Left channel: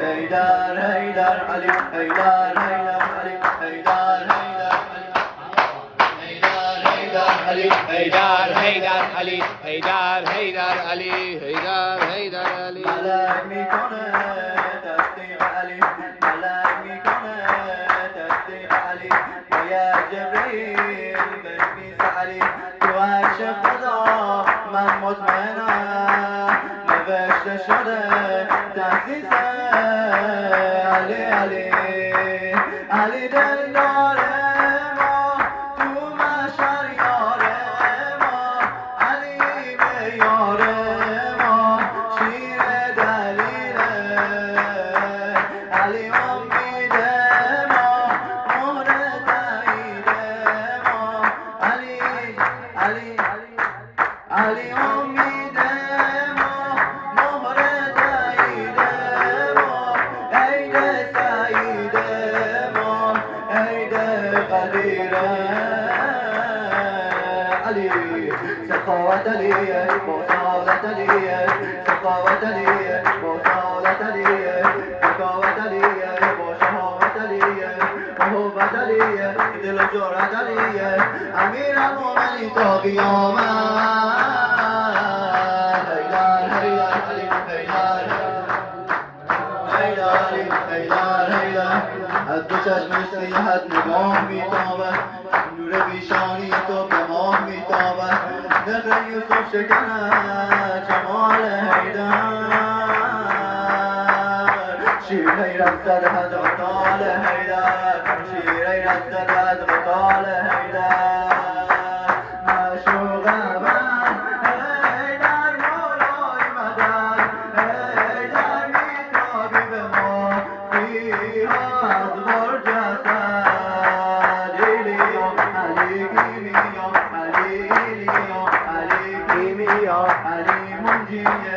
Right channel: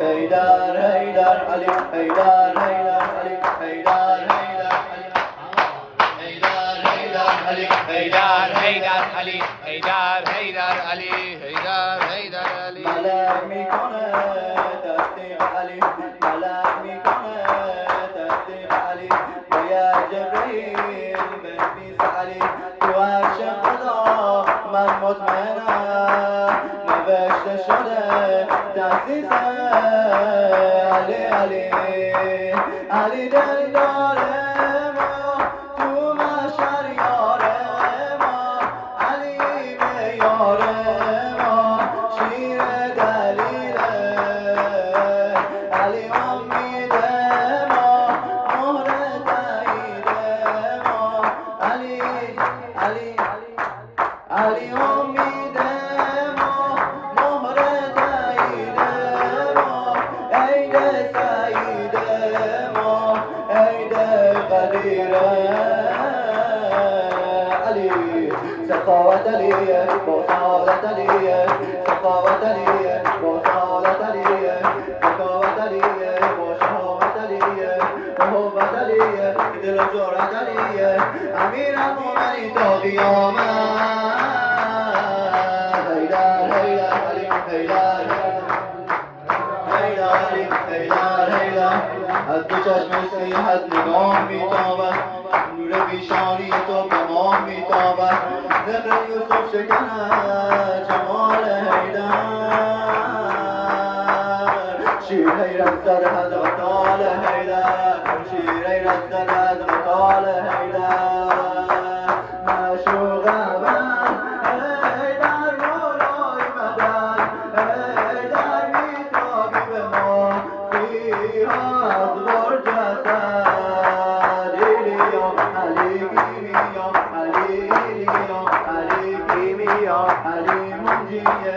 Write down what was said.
هيدر هيدر علي هيدر هيدر علي هيدر هيدر علي هيدر هيدر علي هيدر هيدر علي هيدر هيدر علي ملاك میکنه تصدیق علی ملاک میکنه تصدیق علی یا جبریل بنویس علی تو عرش خدا من مطمئنم نوشته شده تأسیس علی علی علی دلدار ما تو محشر یار ما علی معیار ما شیر دلیله علی امید ما مهر تایید ما علی علی علی امید ما مهر تایید ما عید سعید ما عید قدیر علی سخاوت علیه بطالت علیه سخاوت علیه بطالت علیه سخاوت علیه با شهامت علیه محبت علیه دل و جرأت علیه امیر المؤمنین تا قیامت هیدر هیدر علی هیدر هیدر علی هیدر هیدر از دو چشم سیحت نگاه میتابد نور پیشانی تو به ماه میتابد ذکر یوسف شکند جمال حیدر شیر حیرت در حضرت آل حیدر شیر حیرت در حضرت آل حیدر معشوق من حیدر مولای مدد حیدر میتابی به ما فیهاد برج حسد ایلیا علی گیمیا علی ایلیا علی گیمیا علی منجیه